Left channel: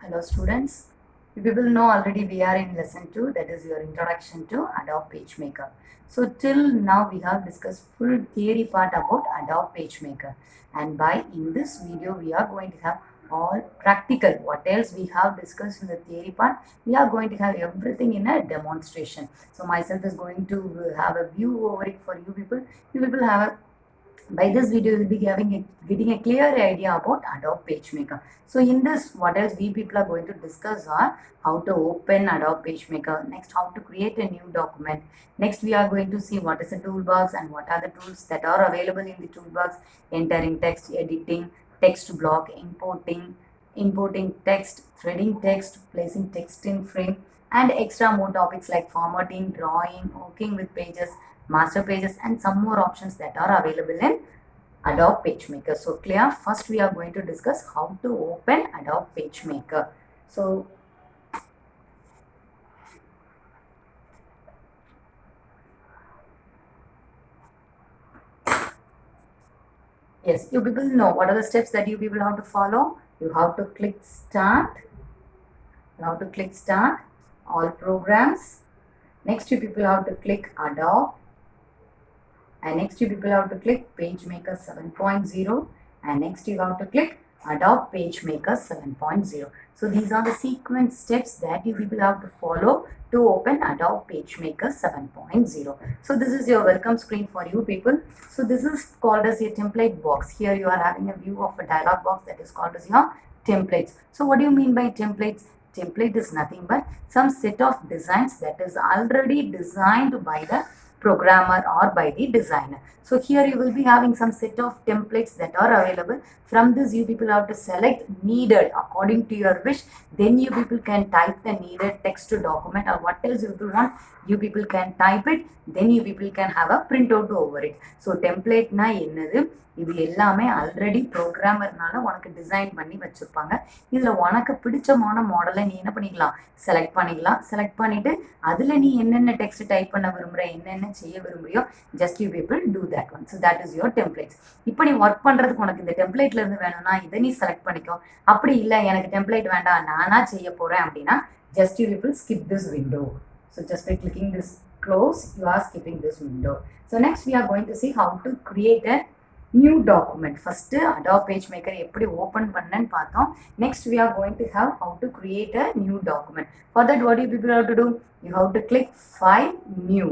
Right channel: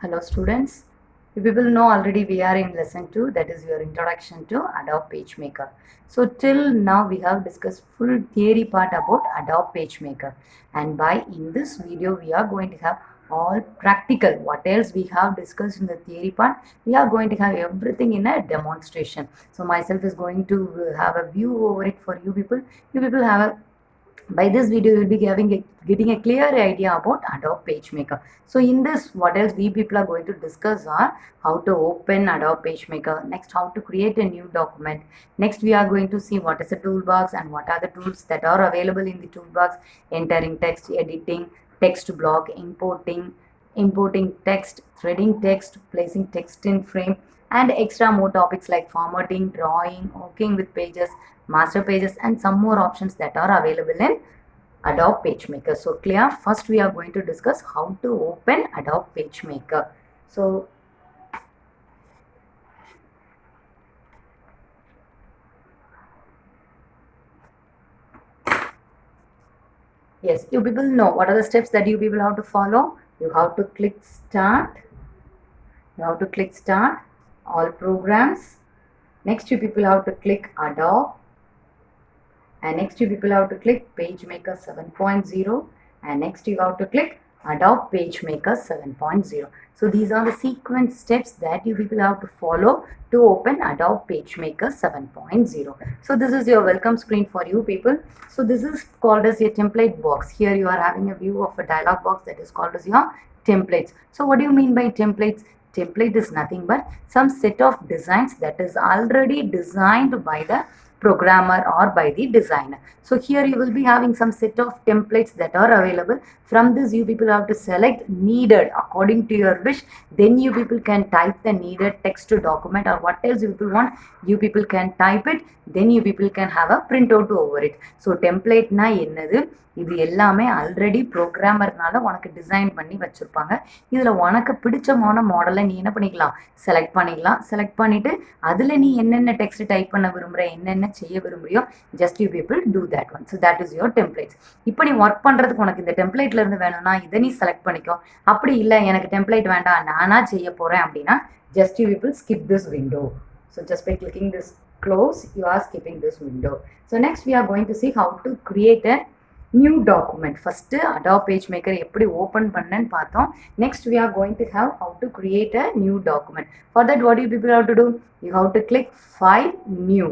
Hello students, you people know already we are in lesson 2, that is your introduction to Adobe PageMaker. So till now we have discussed full theory part about Adobe PageMaker, and by in this video we are going to have all practical. What else we have discussed in the theory part, we are going to have everything in a demonstration. So myself is going to have a view over it for you people. You people have a by this video you will be getting a clear idea about Adobe PageMaker. So in this, what else we people are going to discuss are how to open Adobe PageMaker, next how to create a new document, next we are going to see what is the toolbox and what are the tools that are available in the toolbox, entering text, editing, text block, importing text, threading text, placing text in frame, and extra more topics like formatting, drawing, working with pages, master pages, and some more options that are available in Adobe PageMaker. So clear? First we are going to discuss how to open Adobe PageMaker. So yes, you people know what are the steps that you people have to follow. You have to click start. You have to click start, all programs. Next you people have to click Adobe. And next you people have to click PageMaker 7.0, and next you have to click Adobe PageMaker 7.0. So these are the sequence steps that you people have to follow to open Adobe PageMaker 7.0. So this is your welcome screen for you people. So this is called as your template box. Here you are having a view of a dialog box that is called as your templates. So what do you mean by templates? Template is nothing but some set of designs that is already designed by the programmer or by the designer. So here you will be having some set of templates that are available. From this you people have to select needed according to your wish. Then you people can type the needed text to document, or what else you people want, you people can type it. Then you people can have a printout over it. So template na என்னது, இது எல்லாமே ஆல்ரெடி ப்ரோக்ராமர்னால உனக்கு டிசைன் பண்ணி வச்சுருப்பாங்க. இதில் உனக்கு பிடிச்சமான மாடலை நீ என்ன பண்ணிக்கலாம், செலக்ட் பண்ணிக்கலாம். செலக்ட் பண்ணிவிட்டு அதில் நீ என்னென்ன டெக்ஸ்ட் டைப் பண்ண விரும்புகிற, என்னென்ன செய்ய விரும்புறியோ, just you people do that one. So that is your templates. இப்போ நீ ஒர்க் பண்ணுறதுக்கு உனக்கு இந்த டெம்ப்ளேட்லேருந்து வேணும்னா இதை நீ செலக்ட் பண்ணிக்கோ. அப்படி இல்லை எனக்கு டெம்ப்ளேட் வேண்டாம் நானாக செய்ய போகிறேன் அப்படின்னா, just you people skip this window. So just by clicking this close, you are skipping this window. So next we are going to see how to create a new document. First Adobe PageMaker எப்படி ஓப்பன் பண்ணேன்னு பார்த்தோம். Next we are going to have how to create a new document. For that what you people have to do? You have to click File, New.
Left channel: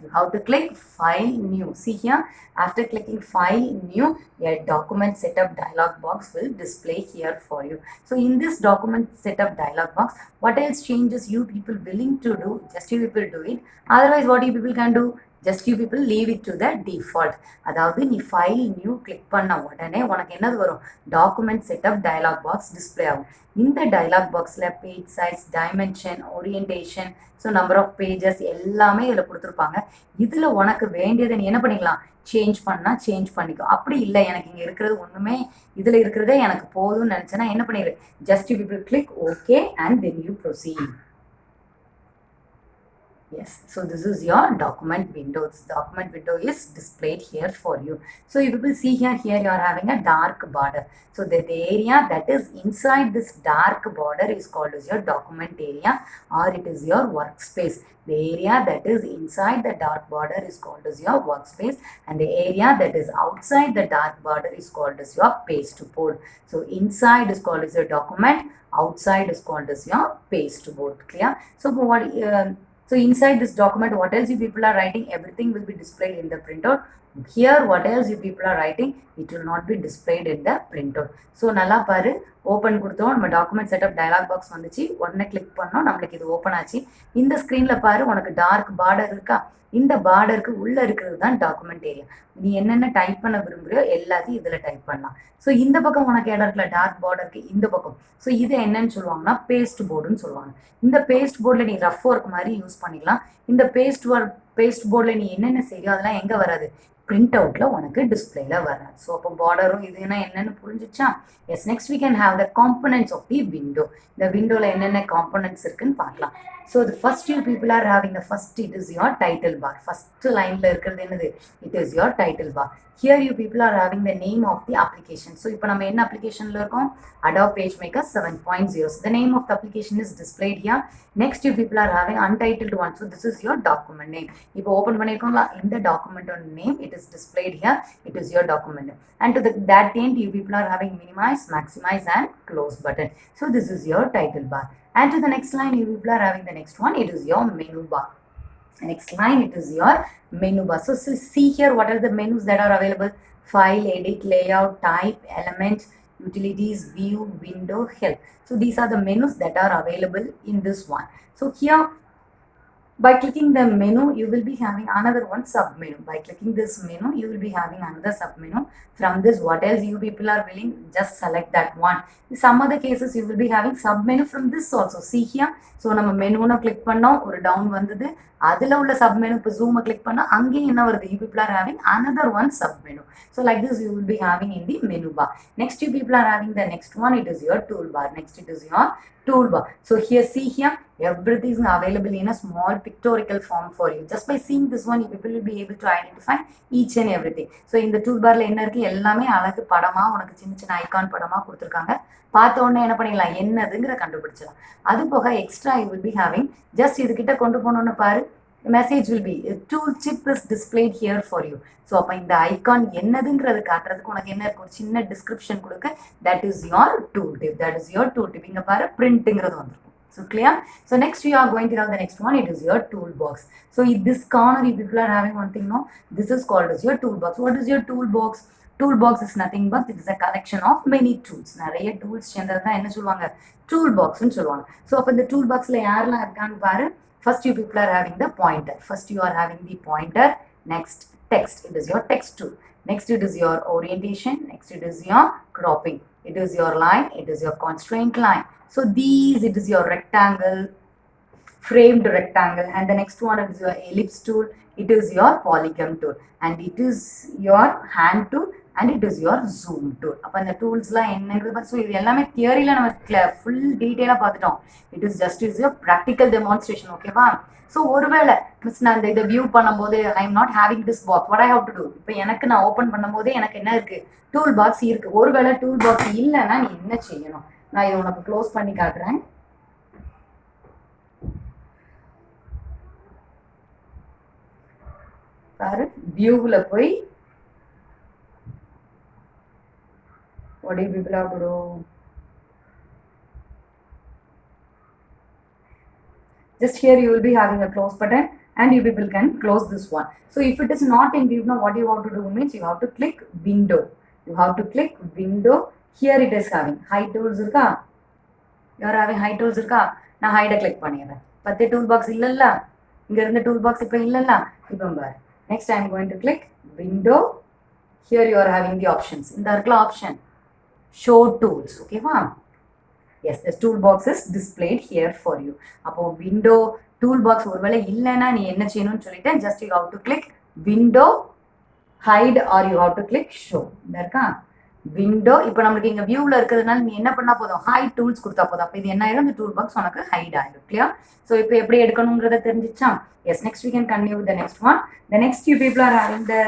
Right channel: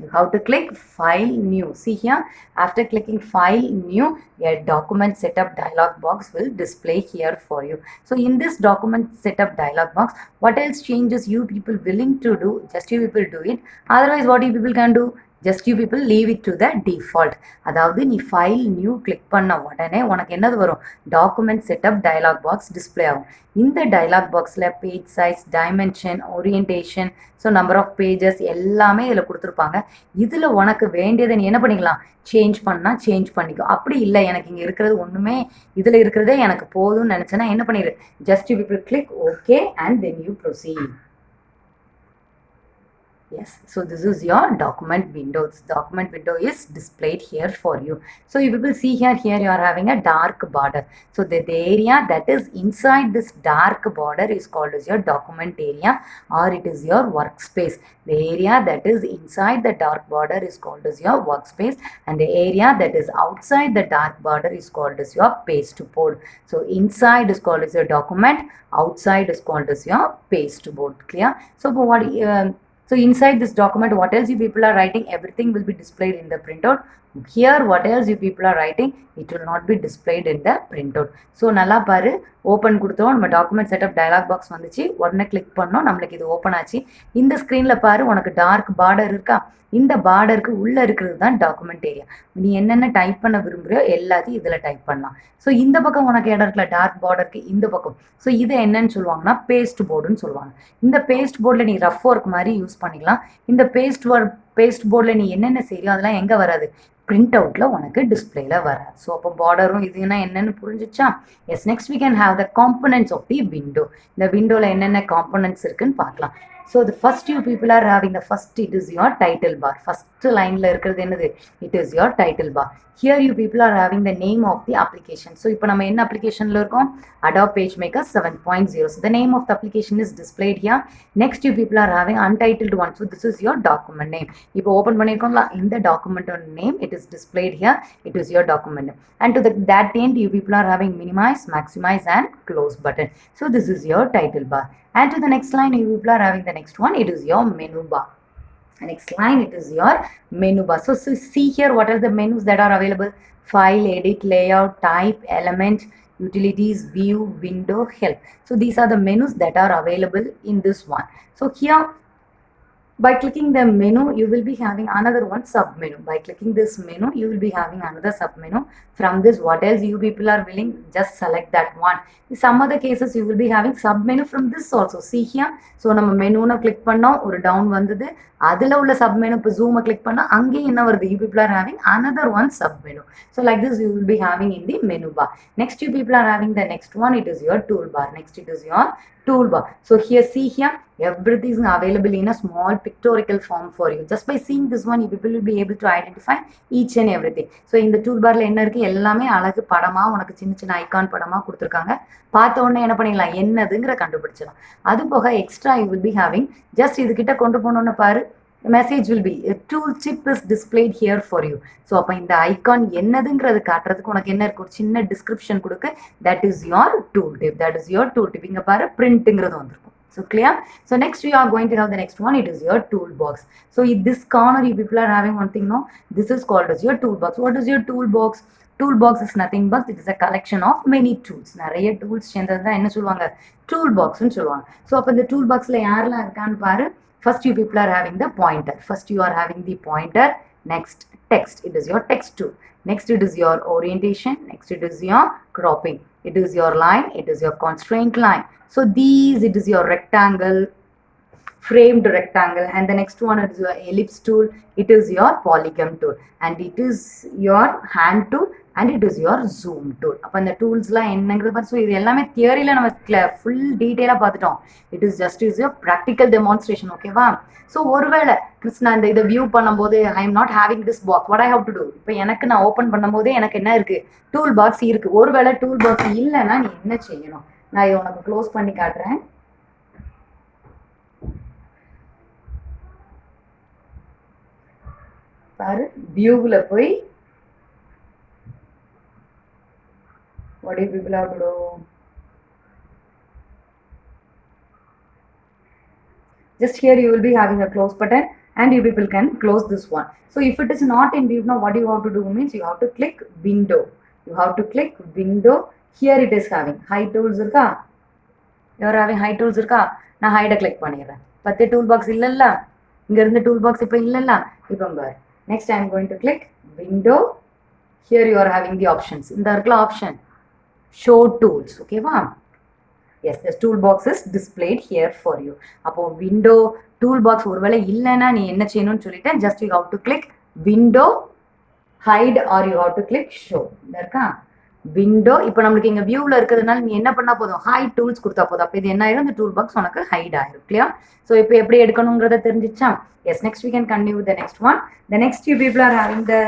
You have to click File, New. See here, after clicking File, New, a document setup dialog box will display here for you. So in this document setup dialog box, what else changes you people willing to do, just you people do it. Otherwise what you people can do, just you people leave it to the default. அதாவது நீ file new click பண்ண உடனே உனக்கு என்னது வரும், document setup dialog box display ஆகும். இந்த dialog பாக்ஸில் page size, dimension, orientation, so number of pages எல்லாமே இதில் கொடுத்துருப்பாங்க. இதில் உனக்கு வேண்டியதை நீ என்ன பண்ணிக்கலாம், சேஞ்ச் பண்ணால் சேஞ்ச் பண்ணிக்கோ. அப்படி இல்லை எனக்கு இங்கே இருக்கிறது ஒன்றுமே இதில் இருக்கிறதே எனக்கு போதும்னு நினச்சேன்னா என்ன பண்ணிடு, just you people click okay and then you proceed. Yes, so this is your document window. This document window is displayed here for you. So you will see here you are having a dark border. So the area that is inside this dark border is called as your document area, or it is your workspace. The area that is inside the dark border is called as your workspace, and the area that is outside the dark border is called as your pasteboard. So inside is called as your document, outside is called as your pasteboard. Clear? So what so inside this document, what else you people are writing, everything will be displayed in the printout. Here what else you people are writing, it will not be displayed in the printout. So நல்லா பாரு, ஓப்பன் கொடுத்தோம், நம்ம document setup dialog box வந்துச்சு, உடனே கிளிக் பண்ணோம், நம்மளுக்கு இது ஓப்பன் ஆச்சு. இந்த ஸ்க்ரீனில் பாரு, உனக்கு டார்க் பார்டர் இருக்கா, இந்த பார்டருக்கு உள்ளே இருக்கிறது தான் டாக்குமெண்ட் ஏரியா. நீ என்னென்ன டைப் பண்ண விரும்புகிறியோ எல்லாத்தையும் இதில் டைப் பண்ணலாம். ஸோ இந்த பக்கம் உனக்கு இடம் இருக்குல்ல, டார்க் பார்டருக்கு இந்த பக்கம், ஸோ இது என்னன்னு சொல்லுவாங்கன்னா பேஸ்ட் போர்டுன்னு சொல்லுவாங்க. இந்த பேஸ்ட் போர்டில் நீ ரஃப் ஒர்க் மாதிரி யூஸ் பண்ணிக்கலாம். இந்த பேஸ்ட் போர்டில் நீ என்னென்ன செய்யோ அதெல்லாம் எங்கே வராது, பிரிண்ட் அவுட்டில் உனக்கு டிஸ்பிளேல வராது. ஸோ அப்போ பார்டரும் இதுனா என்னென்னு புரிஞ்சிச்சா? Yes, next we can have the components of the window. இந்த விண்டோவில் என்னென்ன காம்பனன்ட்ஸ் இருக்குன்னு பார்க்கலாம். So the first you people are having the first, it is your title bar. First line la இருக்கிறது என்னது, it is your title bar. Here you people are having the name of the application. So இப்போ நம்ம என்ன applicationல இருக்கோம், Adobe PageMaker 7.0. So the name of the application is displayed here. Next you people are having untitled one. So this is your document name. இப்போ open பண்ணிருக்கோம்ல, இந்த document name, it is displayed here. It is your document name. And to that end you people are having minimize, maximize and close button. So this is your title bar. And to the next line you people are having the next one, it is your menu bar. Next line, it is your menu bar. So see here what are the menus that are available: file, edit, layout, type, element, utilities, view, window, help. So these are the menus that are available in this one. So here by clicking the menu you will be having another one sub menu. By clicking this menu you will be having another sub menu. From this, what else you people are willing, just select that one. In some other cases you will be having sub menu from this also. See here, so நம்ம மெனுன்னு கிளிக் பண்ணோம், ஒரு டவுன் வந்தது, அதில் உள்ள sub menu இப்போ ஜூமை கிளிக் பண்ணால் அங்கேயும் என்ன வருது, you people are having another one sub menu. So like this you will be having in the menu bar. Next you people are having the next one, it is your toolbar. Next it is your toolbar. So here see here, everything is available in a small pictorial form for you. Just by seeing this one you people will be able to identify each and everything. So in the toolbarல என்ன இருக்கு, எல்லாமே அழகு படமா உனக்கு சின்ன சின்ன ஐகான் படமா கொடுத்துருக்காங்க. பார்த்த உடனே என்ன பண்ணிடலாம், என்னதுங்கிற கண்டுபிடிச்சிடலாம். அது போக extra you will be having, just இதுகிட்ட கொண்டு போனோன்னு பாரு, message will be tool tip is displayed here for you. So அப்போ இந்த ஐகான் என்னதுங்கிறது காட்டுறதுக்கு உனக்கு என்ன இருக்கு, ஒரு சின்ன டிஸ்கிரிப்ஷன் கொடுக்க, that is your tool tip. That is your tool tip. இங்கே பாரு பிரிண்ட்டுங்கிறது வந்திருக்கும். So clear? So next we are going to have the next one, it is your toolbox. So in this corner you people are having one thing, no, this is called as your toolbox. What is your toolbox? Toolbox is nothing but it is a collection of many tools. நிறைய டூல்ஸ் சேர்ந்தது என்ன சொல்லுவாங்க, toolboxன்னு சொல்லுவாங்க. ஸோ அப்போ இந்த டூல்பாக்ஸில் யாரெல்லாம் இருக்கான்னு பாரு. First you people are having the pointer. First you are having the pointer. Next text, it is your text tool. Next it is your orientation. Next it is your cropping. It is your line. It is your constraint line. So these, it is your rectangle, framed rectangle, and the next one is your ellipse tool, it is your polygon tool, and it is your hand tool, and it is your zoom tool. அப்போ இந்த டூல்ஸ்லாம் என்னங்கிறது பார்த்து, ஸோ இது எல்லாமே தியரியில் நம்ம full டீட்டெயிலாக பார்த்துட்டோம். It is just is your practical demonstration. ஓகேவா? ஸோ ஒருவேளை மிஸ் நான் இதை வியூ பண்ணும்போது I am not having this box, what I have to do, இப்போ எனக்கு நான் ஓப்பன் பண்ணும்போதே எனக்கு என்ன இருக்குது, டூல் பாக்ஸ் இருக்குது. ஒருவேளை டூல் பாக்ஸ் இல்லைன்னா நீ என்ன செய்யணும், நான் இதை உனக்கு க்ளோஸ் பண்ணி காட்டுறேன். பாரு, வியூவில் போய் what do you people have to do? Just here you will be having a close button and you people can close this one. So if it is not in view, now what you have to do means you have to click window. You have to click window. Here it is having hide tools இருக்கா, you are having hide tools இருக்கா, நான் ஹைடை கிளிக் பண்ணிடுறேன். பத்து tool box இல்லைல்ல, இங்கே இருந்த tool box இப்போ இல்லைல்ல, இப்போ பாரு. Next I am going to click window. Here you are having the options. இந்த இருக்குல்ல option, show tools. ஓகேவா? Yes, the toolbox is displayed here for you. அப்போ window toolbox ஒருவேளை இல்லைன்னா நீ என்ன செய்யணும்னு சொல்லிட்டேன், just you have to click window, hide, or you have to click show. இந்த இருக்கா விண்டோ. இப்போ நம்மளுக்கு இங்கே வியூவில் இருக்கிறதுனால நீ என்ன பண்ணால் போதும், ஹைட் டூல்ஸ் கொடுத்தா போதும். அப்போ இது என்ன ஆயிரும், இந்த டூல் பாக்ஸ் உனக்கு ஹைட் ஆயிரும். இல்லையா? ஸோ இப்போ எப்படி எடுக்கணுங்கிறத தெரிஞ்சிச்சா? Yes, next we can continue with the next one. The next you people are having the,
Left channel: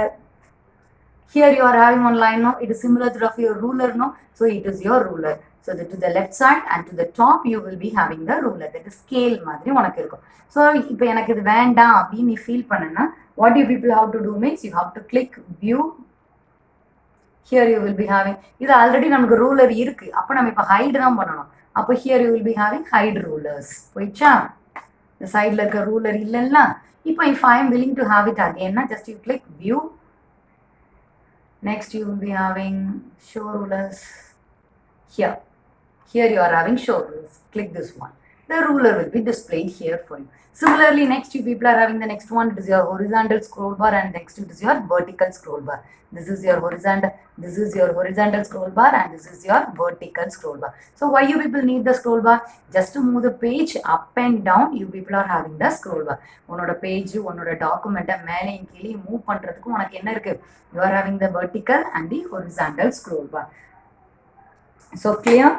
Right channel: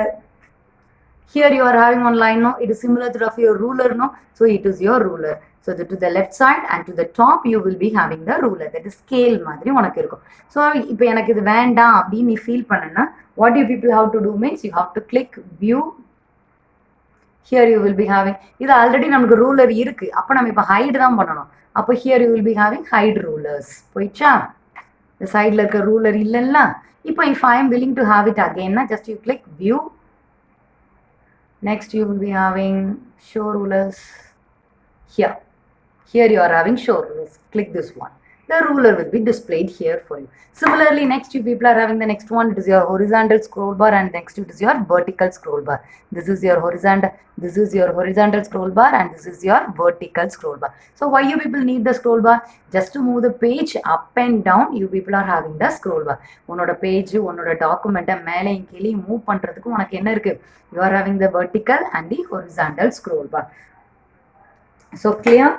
here you are having one line, no, it is similar to your ruler, no, so it is your ruler. So to the left side and to the top you will be having the ruler, that is scale மாதிரி உனக்கு இருக்கும். ஸோ இப்போ எனக்கு இது வேண்டாம் அப்படின்னு நீ ஃபீல் பண்ணனா, what you people have to do means you have to click view. Here you will be having, இது ஆல்ரெடி நமக்கு ரூலர் இருக்கு, அப்போ நம்ம இப்போ ஹைட் தான் பண்ணணும். அப்போ here you will be having hide rulers. போயிடுச்சா? இந்த சைடில் இருக்க ரூலர் இல்லைல்ல. இப்போ if I am willing to have it again, just you click view. Next you will be having show rulers. Here you are having show rulers. Click this one. the ruler will be displayed here for you. Similarly, next you people are having the next one. It is your horizontal scroll bar, and next it is your vertical scroll bar. This is your horizontal scroll bar, and this is your vertical scroll bar. So why you people need the scroll bar? Just to move the page up and down, you people are having the scroll bar. உன்னோட பேஜ் உன்னோட டாக்குமெண்ட்டை மேலேயும் கீழே மூவ் பண்ணுறதுக்கு உனக்கு என்ன இருக்கு? You are having the vertical and the horizontal scroll bar. So clear?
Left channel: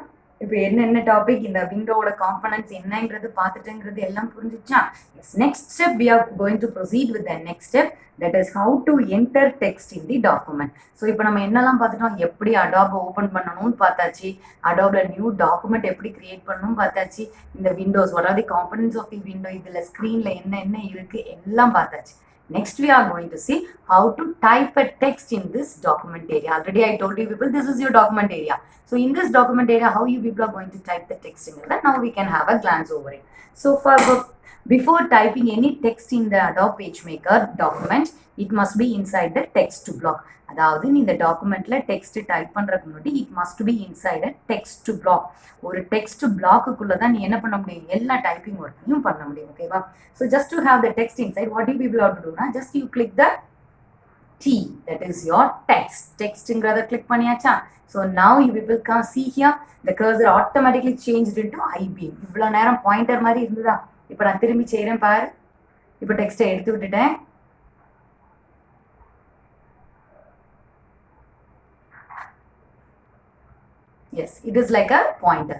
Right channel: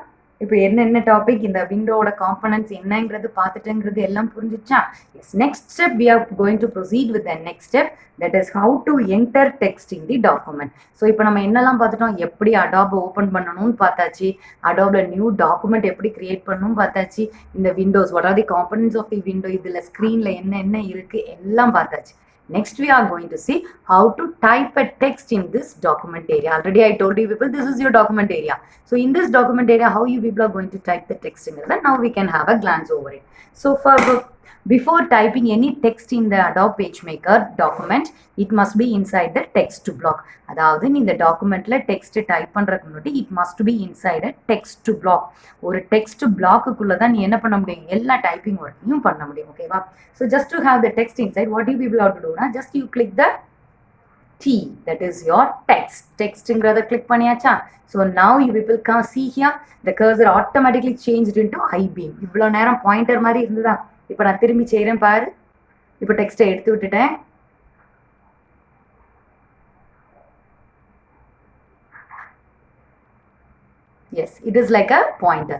இப்போ என்ன டாபிக் இந்த விண்டோவோட காம்பனன்ட்ஸ் என்னங்கிறது பார்த்துட்டுங்கிறது எல்லாம் புரிஞ்சிச்சா? Yes, next step we are going to proceed with the next step, that is how to enter text in the document. So இப்போ நம்ம என்னெல்லாம் பார்த்துட்டோம்? எப்படி அடாப் ஓப்பன் பண்ணணும்னு பார்த்தாச்சு, அடாப்ல நியூ டாக்குமெண்ட் எப்படி கிரியேட் பண்ணணும்னு பார்த்தாச்சு, இந்த Windows what are the components of the window, இதில் ஸ்க்ரீனில் என்ன இருக்கு எல்லாம் பார்த்தாச்சு. Next we are going to see how to type a text in this document area. Already I told you people this is your document area. So in this document area, how you people are going to type the text in it. Now we can have a glance over it. So before typing any text in the Adobe PageMaker document, it must be inside the text block. அதாவது நீ இந்த டாக்குமெண்ட்ல text type பண்றதுக்கு முன்னாடி it must be inside a text black. ஒரு டெக்ஸ்ட் பிளாக்குக்குள்ள தான் நீ என்ன பண்ண முடியும்? எல்லா டைப்பிங் ஒர்க்கையும் பண்ண முடியும். ஓகேவா? So just to have the text inside, what you people have to டூனா, just you click the T, that is your text. Textங்கிறத கிளிக் பண்ணியாச்சா? So now you people can see here the cursor automatically changed into I-beam. இவ்வளோ நேரம் பாயிண்டர் மாதிரி இருந்ததா? இப்போ நான் திரும்பி செய்கிறேன் பாரு. இப்போ டெக்ஸ்ட்டை எடுத்து விட்டுட்டேன். Yes, it is like a pointer.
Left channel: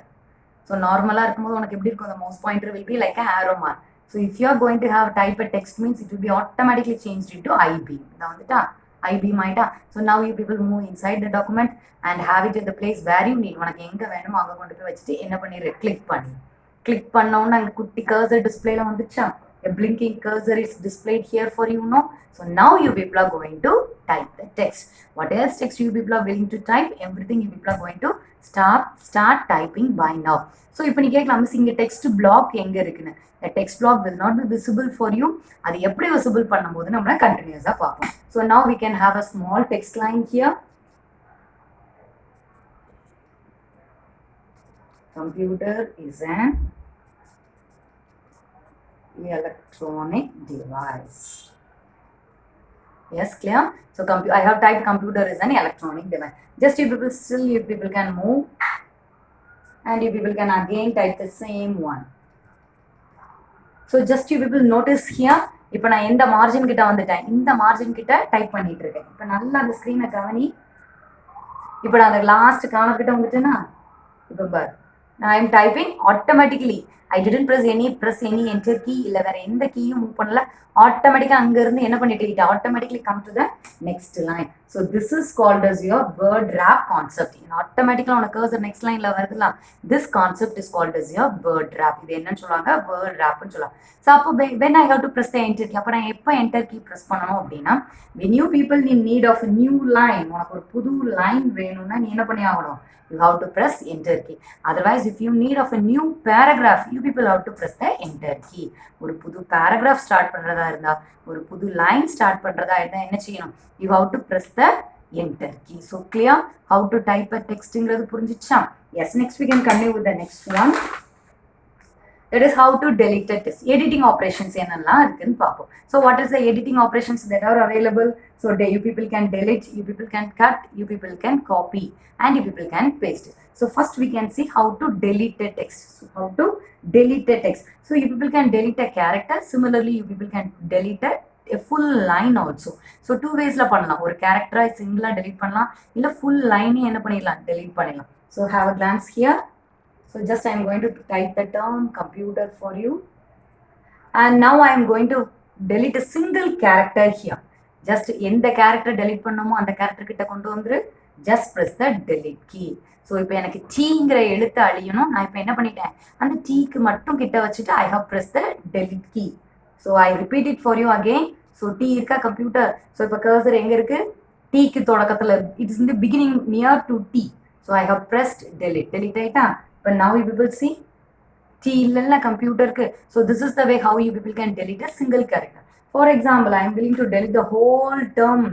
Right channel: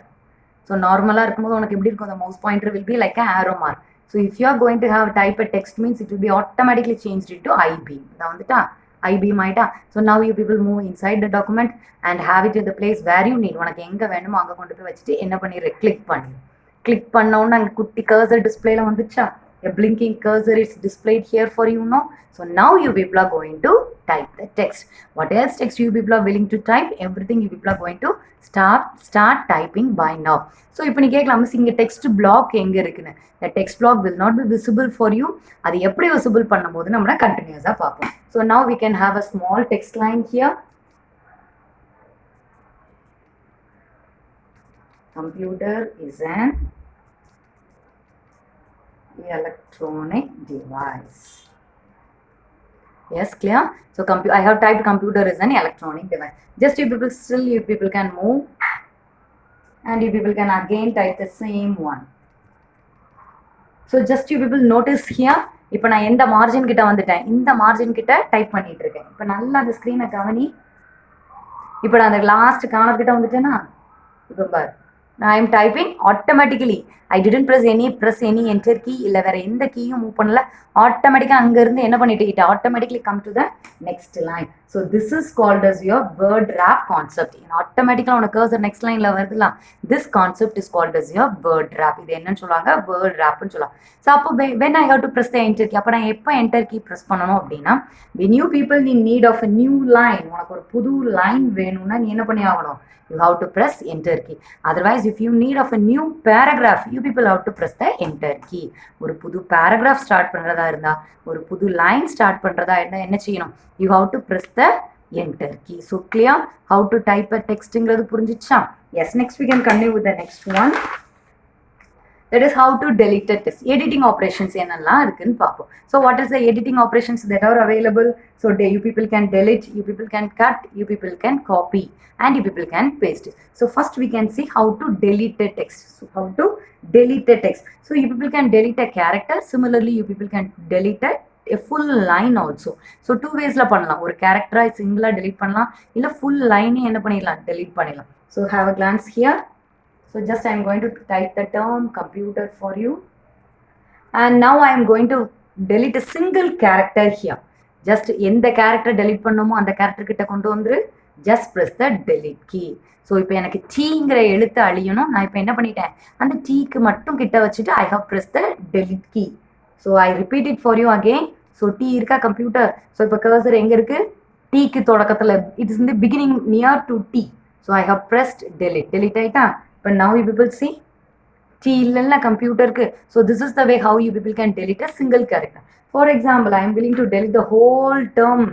So normally இருக்கும்போது உனக்கு எப்படி இருக்கும்? The mouse pointer will be like an arrow mark. So if you are going to have type a text means it will be automatically changed into I-beam. இதான் வந்துட்டா I-beam ஆயிட்டா. So now you people move inside the document and have it in the place where you need. உனக்கு எங்க வேணுமோ அங்க கொண்டு போய் வச்சுட்டு என்ன பண்ணிரு? கிளிக் பண்ணி. கிளிக் பண்ணோன்னா அங்கே குட்டி கர்சர் டிஸ்பிளேல வந்துச்சா? A blinking cursor is displayed here for you now. So now you people are going to type the text. What else text you people are willing to type? Everything you people are going to start typing by now. So இப்போ நீ கேட்கலாம், மிஸ் இங்கே text black எங்கே இருக்குன்னு. The text block will not be visible for you. அது எப்படி visible பண்ணும்போது நம்ம கண்டினியூஸாக பார்ப்போம். So now we can have a small text line here. Computer is an electronic device. Yes, clear? So I have typed computer is an electronic device. Just you people can move and you people can again type the same one. So just you people notice here, இப்போ நான் எந்த மார்ஜின் கிட்ட வந்துட்டேன்? இந்த மார்ஜின் கிட்ட டைப் பண்ணிட்டு இருக்கேன். இப்போ நல்லா அந்த ஸ்க்ரீனை கவனி. இப்போ நான் அந்த லாஸ்ட் கார்னர் கிட்ட வந்துட்டேன்னா, இப்போ பார், I am typing automatically. I didn't press any enter key. இல்ல வேற எந்த கீயும் மூவ் பண்ணல. ஆட்டோமேட்டிக்கா அங்க இருந்து என்ன பண்ணிட்டு automatically come to the next line. So this is called as your word wrap concept. ஆட்டோமேட்டிக்கா உனக்கு cursor next lineல வருதுல. This concept is called as your word wrap. இது என்னன்னு சொல்றாங்க? word wrap னு சொல்றாங்க. So அப்போ when I have to press the enter key, அப்ப நான் எப்ப enter key press பண்ணனும் அப்படினா, when you people in need of a new line, உனக்கு ஒரு புது line வேணும்னா நீ என்ன பண்ணி ஆகணும்? You have to press enter key. Otherwise, if you need of a new paragraph, you people have to press the enter key. ஒரு புது paragraph start பண்றதா இருந்தா, ஒரு புது line start பண்றதா இருந்தா என்ன செய்யணும்? You have to press the enter key. So clear how to type a textங்கிறது புரிஞ்சிச்சா? Yes, next we can continue with the next one. That is how to delete a text. Editing operations என்னெல்லாம் இருக்குன்னு பார்ப்போம். So what is the editing operations that are available? So you people can delete, you people can cut, you people can copy, and you people can paste. So first we can see how to delete a text. So how to delete a text. So you people can delete a character. Similarly, you people can delete a full line also. So two ways la பண்ணலாம். ஒரு character single delete பண்ணலாம், இல்ல full line என்ன பண்ணிடலாம்? delete பண்ணிடலாம். So have a glance here. So just I am going to type the term computer for you. And now I am going to delete a single character here. Just எந்த character delete பண்ணணுமோ அந்த character கிட்ட கொண்டு வந்துரு. Just press the delete key. So இப்போ எனக்கு Tங்கிற எழுத்து அழியணும். நான் இப்போ என்ன பண்ணிட்டேன்? அந்த Tக்கு மட்டும் கிட்ட வச்சுட்டு I have pressed the delete key. So I repeat it for you again. So T இருக்கா computer. So இப்போ cursor எங்க இருக்கு? Tக்கு தொடக்கத்துல. It is in the beginning near to T. So I have pressed delete. Delete ஆயிட்டா? But now you people see T illalla computer ku. So this is the way how you people can delete a single character. For example, I am willing to delete the whole term.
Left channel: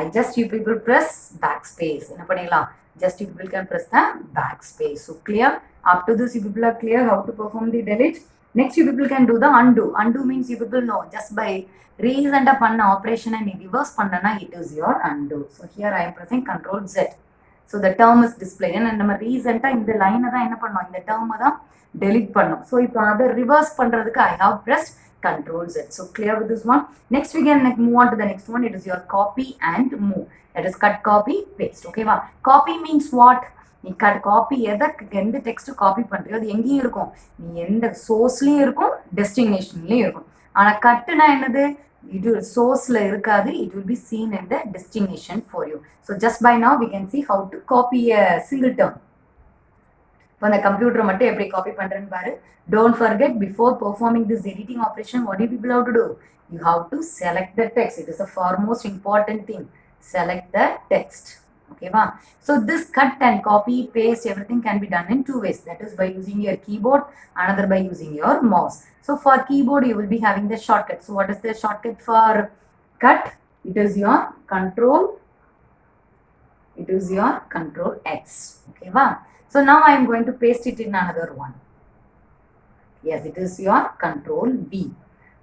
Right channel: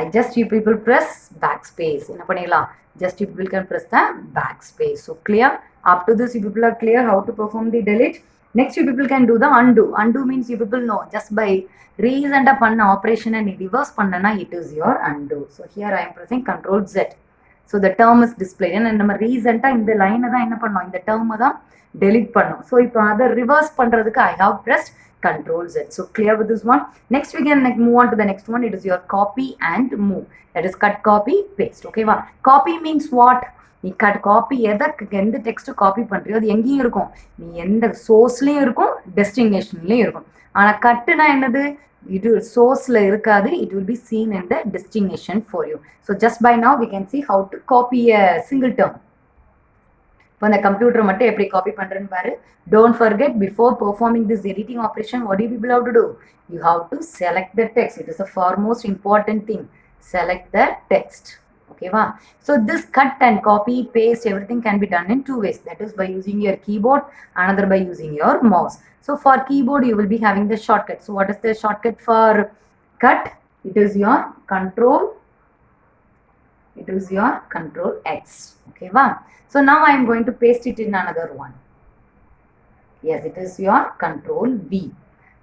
I just you people press backspace. என்ன பண்ணிடலாம்? Just you people can press the backspace. So clear? Up to this you people are clear how to perform the delete. Next you people can do the undo. Undo means you people know just by recent பண்ண operation and reverse பண்ணனா it is your undo. So here I am pressing Control Z. So the term is displayed and நம்ம ரீசெண்டா இந்த லைனை தான் என்ன பண்ணோம், இந்த டேர்மை தான் delete பண்ணோம். So இப்போ அதை ரிவர்ஸ் பண்றதுக்கு I have pressed Control Z. So clear with this one. Next we can move on to the next one. It is your copy and move. That is cut, copy, paste. Okay va? Copy means what? நீ cut copy எந்த text copy பண்றியோ அது எங்கேயும் இருக்கும், நீ எந்த சோர்ஸ்லயும் இருக்கும் டெஸ்டினேஷன்லயும் இருக்கும். ஆனா கட்டுனா என்னது, இது சோர்ஸ்ல இருக்காது, it will be seen in the destination for you. So just by now we can see how to copy a single term. இப்போ அந்த கம்ப்யூட்டர் மட்டும் எப்படி காப்பி பண்றேன்னு பாரு. Don't forget, before performing this editing operation, what do you people have to do? You have to select the text. It is the foremost important thing. Select the text. Okay va? So this cut and copy paste everything can be done in two ways. That is by using your keyboard, another by using your mouse. So for keyboard you will be having the shortcut. So what is the shortcut for cut? It is your control X. Okay va? So now I am going to paste it in another one. Yes, it is your Control V.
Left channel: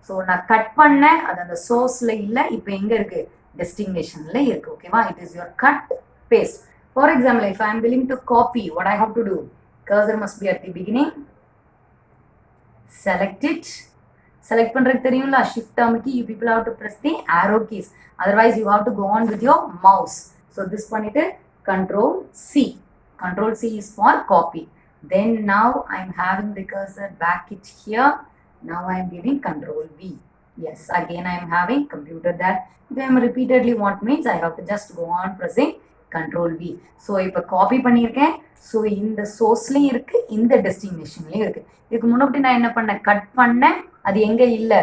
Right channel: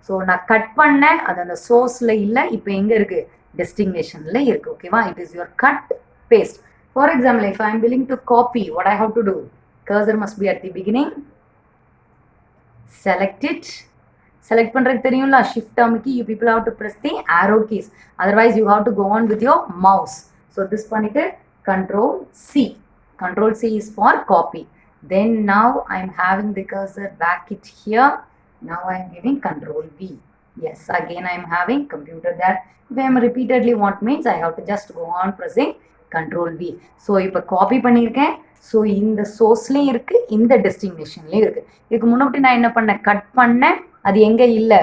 So நான் கட் பண்ணேன், அது அந்த சோர்ஸ்ல இல்ல, இப்போ எங்க இருக்கு, டெஸ்டினேஷன்ல இருக்கு. ஓகேவா? It is your cut paste. For example, if I am willing to copy, what I have to do? Cursor must be at the beginning. Select it. Select பண்றதுக்கு தெரியும்ல, shift அமுக்கி you people have to press the arrow keys. Otherwise you have to go on with your mouse. So this பண்ணிட்டு Control C. Control C is for copy. Then now I am having the cursor back it here. Now I am giving Control V. Yes, again I am having computer that. If I am repeatedly want means I have to just go on pressing Control V. So இப்போ copy பண்ணியிருக்கேன். ஸோ இந்த சோர்ஸ்லேயும் இருக்கு, இந்த டெஸ்டினேஷன்லேயும் இருக்கு. இதுக்கு முன்னாடி நான் என்ன பண்ணேன், கட் பண்ணேன், அது எங்கே இல்லை,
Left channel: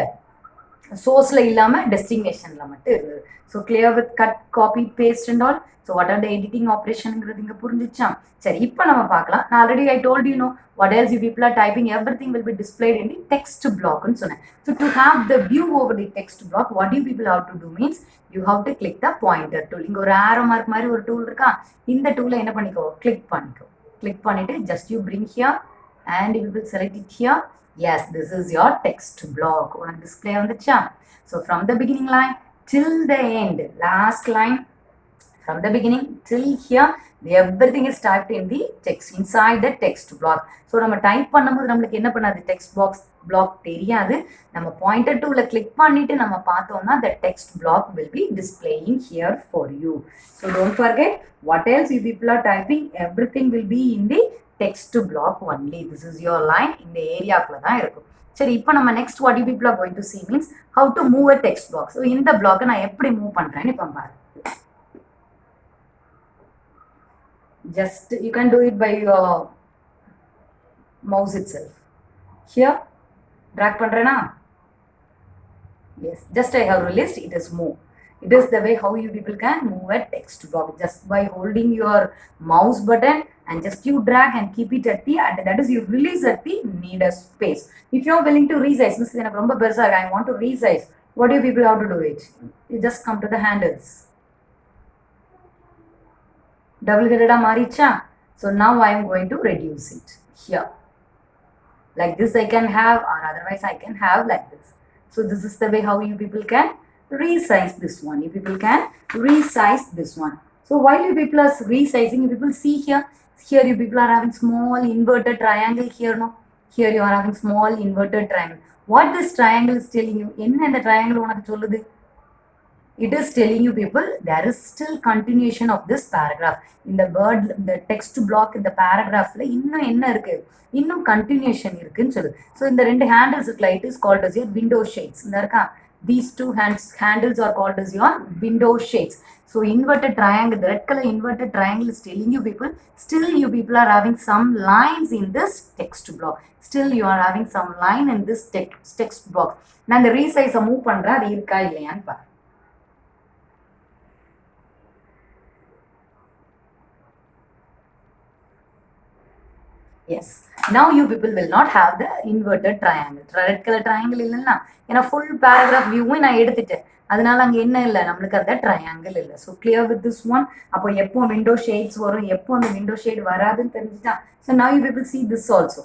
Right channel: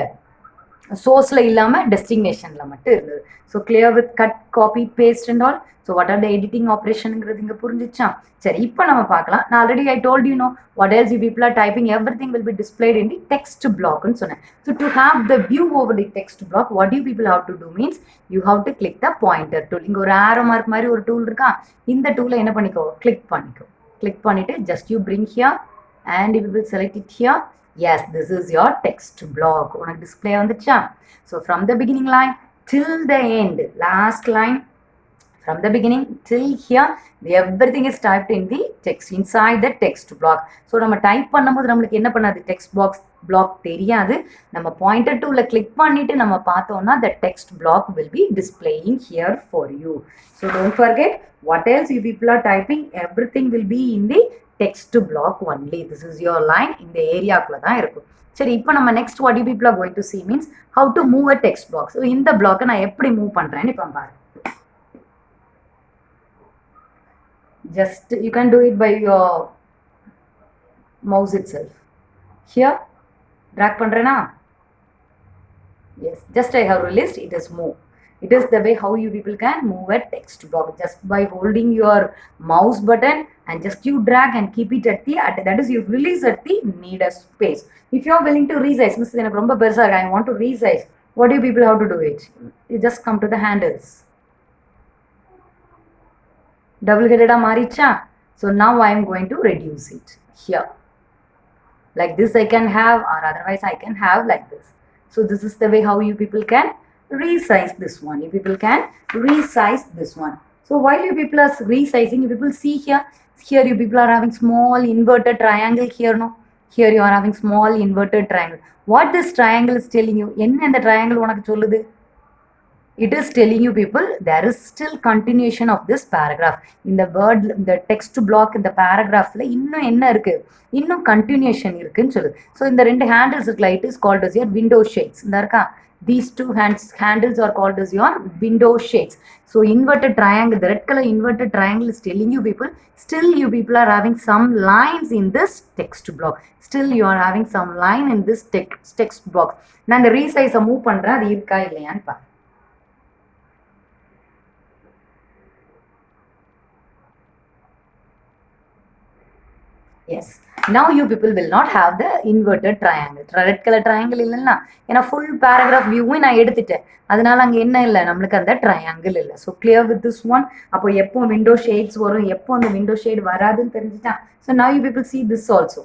சோர்ஸில் இல்லாமல் டெஸ்டினேஷனில் மட்டும் இருந்தது. So clear with cut, copy, paste and all. So what are the editing ஆப்ரேஷனுங்கிறது இங்கே புரிஞ்சிச்சா? சரி, இப்போ நம்ம பார்க்கலாம். நான் already I told you no what else you people are typing everything will be displayed in the text பிளாக்னு சொன்னேன். So to have the view over the text block, what you people have to do means you have to click the pointer tool. இங்கே ஒரு ஆரோ மார்க் மாதிரி ஒரு டூல் இருக்கா, இந்த டூலை என்ன பண்ணிக்கோ, கிளிக் பண்ணிக்கோ. கிளிக் பண்ணிட்டு just you bring here and you will select it here. Yes, this is your text block. உனக்கு டிஸ்பிளே வந்துச்சா? So from the beginning line till the end, last line, from the beginning till here, everything is typed in the text, inside the text block. So நம்ம டைப் பண்ணும்போது நம்மளுக்கு என்ன பண்ணாது, text box black தெரியாது. நம்ம பாயிண்டர் டூல கிளிக் பண்ணிட்டு நம்ம பார்த்தோம்னா the text block will be displaying here for you. So don't forget, what else you people are typing, everything will be in the text block only. This is your line, இந்த ஏரியாக்குள்ள தான் இருக்கும். சரி, இப்போ நம்ம next what you people are going to see means how to move a text box. So இந்த பிளாக்கை நான் எப்படி மூவ் பண்றேன்னு இப்போ பாரு. Just you can do it by your mouse itself. Here drag பண்றேனா? Yes, just I have released, it is move. It is the way how you people can move a text box, just by holding your mouse button and just you drag and keep it at the, that is you release at the needed space. If you are willing to resize, Mr. எனக்கு ரொம்ப பெருசா இருக்கு, I want to resize, what do you people have to do it? You just come to the handles. Double headed maricha. So now I am going to reduce it here. Like this I can have, or otherwise I can have like this. So this is the way how you people can resize this one. You people can resize this one. So while you people are resizing, you people see here, here you people are having small inverted triangle here, no? Here you are having small inverted triangle. What this triangle is telling you? என்ன இந்த triangle உனக்கு சொல்லுது? It is telling you people there is still continuation of this paragraph. In the word, the text block in the paragraph la இன்னும் என்ன இருக்கு, இன்னும் continuation இருக்குன்னு சொல்லுது. So இந்த ரெண்டு handles இருக்குல, it is called as your window shades. இந்த இருக்கா, these two handles are called as your window shades. So inverted triangle, the red color inverted triangle is telling you people still you people are having some lines in this text block. Still you are having some line in this text block. நான் இந்த resize move பண்றேன், அது இருக்கா இல்லையான்னு பாரு. Yes. Now you people will not have the inverted triangle. Red color triangle இல்லைன்னா ஏன்னா full paragraph viewவும் நான் எடுத்துட்டேன். அதனால அங்க என்ன இல்லை நம்மளுக்கு அந்த triangle இல்லை. So clear with this one. அப்போ எப்போ window shades வரும் எப்போ அந்த window shade வராதுன்னு தெரிஞ்சுட்டா. So now you people see this also.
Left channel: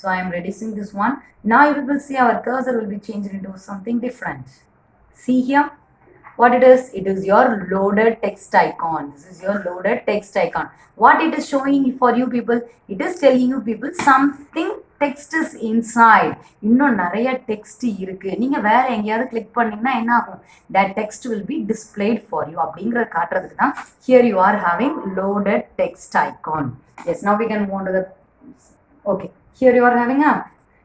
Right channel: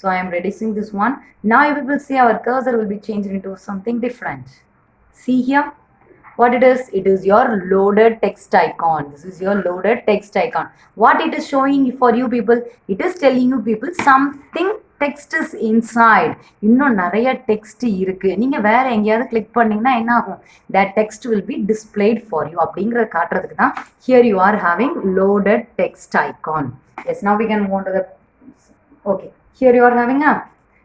So I am reducing this one. Now you people see our cursor will be changed into something different. See here. What it is your loaded text icon. This is your loaded text icon. What it is showing for you people, it is telling you people something text is inside. இன்னும் நிறைய text இருக்கு. நீங்க வேற எங்கயாவது click பண்ணீங்கன்னா என்ன ஆகும்? That text will be displayed for you. அப்படிங்கறத காட்டுறதுக்கு தான் here you are having loaded text icon. Yes, now we can move on to the okay. Here you are having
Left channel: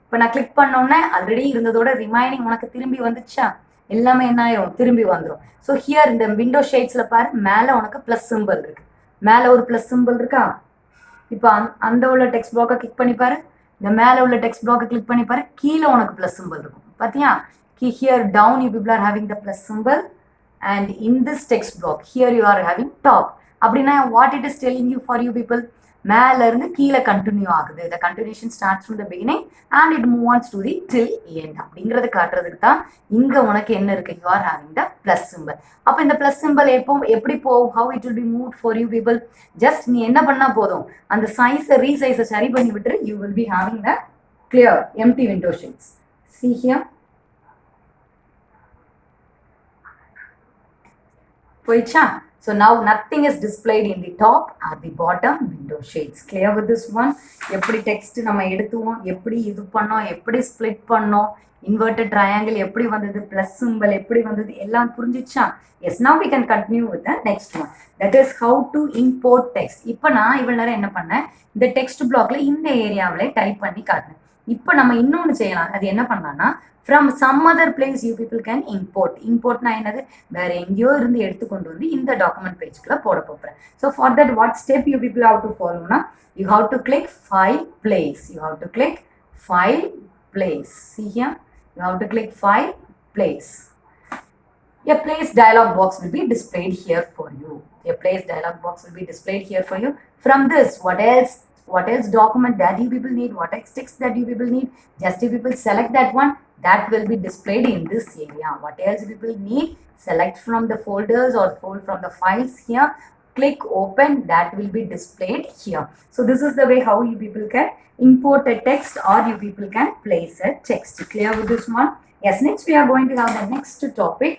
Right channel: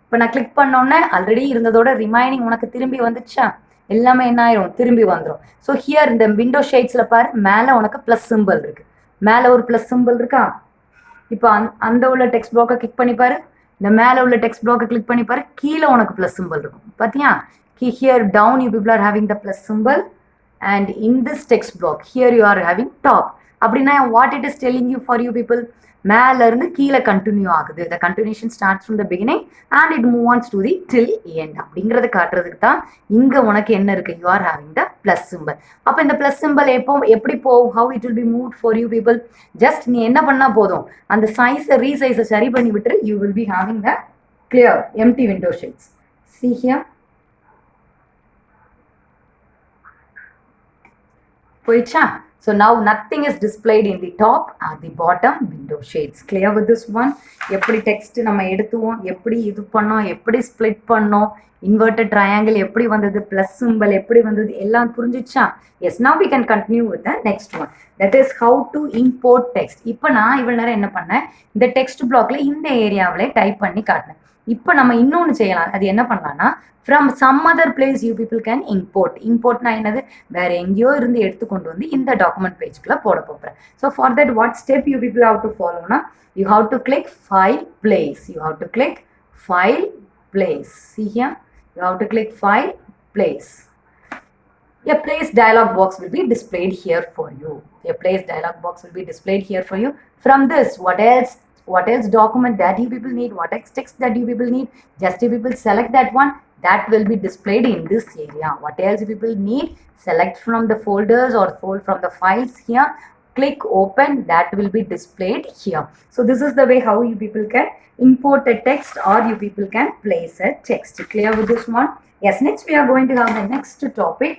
இப்போ நான் click பண்ணோன்னே ஆல்ரெடி இருந்ததோட ரிமைனிங் உனக்கு திரும்பி வந்துச்சா எல்லாமே என்ன ஆயிரும் திரும்பி வந்துடும். ஸோ ஹியர் இந்த விண்டோ ஷேட்ஸில் பாரு மேலே உனக்கு ப்ளஸ் சிம்பிள் இருக்கு. மேலே ஒரு ப்ளஸ் சிம்பிள் இருக்கா? இப்போ அந்த உள்ள டெக்ஸ்ட் பிளாக்கை கிளிக் பண்ணி பாரு. இந்த மேலே உள்ள டெக்ஸ்ட் பிளாக்கை கிளிக் பண்ணி பாரு. கீழே உனக்கு ப்ளஸ் சிம்பிள் இருக்கும். பார்த்தியா? Here down you people are having the plus symbol and in this text block here you are having top. அப்படின்னா what it is telling you for you people மேல இருந்து கீழே கண்டினியூ ஆகுது. The continuation starts from the beginning and it move ons to the till end அப்படிங்கிறத காட்டுறதுக்கு தான் இங்க உனக்கு என்ன இருக்கு? You are having the plus symbol. அப்போ இந்த பிளஸ் சிம்பிள் எப்போ எப்படி போகும்? How it will be move for you people? Just நீ என்ன பண்ணா போதும் அந்த சைஸை ரீசைஸை சரி பண்ணி விட்டு you will be having the clear empty window shades. See here. போயிடுச்சா? So now nothing is displayed in the top or the bottom window shades. Clear with this one? எப்படி text நம்ம எடுத்துவோம், எப்படி இது பண்ணோம், எப்படி split பண்ணோம், inverted triangle எப்படி வந்தது, plus symbol எப்படி வந்தது எல்லாம் புரிஞ்சிச்சா? Yes, now we can continue with the next one. That is how to import text. இப்போ நான் இவ்வளவு நேரம் என்ன பண்ணேன்? இந்த text blockல இந்த ஏரியாவிலே டைப் பண்ணி காட்டினேன். இப்போ நம்ம இன்னொன்று செய்யலாம். அது என்ன பண்ணலாம்னா from some other place you people can import. Importனா என்னது? வேற எங்கேயோ இருந்து எடுத்து கொண்டு வந்து இந்த டாக்குமெண்ட் பேஜ்க்குள்ள போட போறேன். So for that what step you people have to follow na? You have to click file place. You have to click file place. See here? You have to click file place. A place dialog box will be displayed here for you. A place dialog box will be displayed here for you. From this, what else document that you people need, what else text that you people need, just you people select that one, that will be displayed in this area. What else you people need, select from the folders or from the files here, click open, that will be displayed here. So this is the way how you people can import a text or you people can place a text. Clear with this one? Yes, next we are going to have the next topic.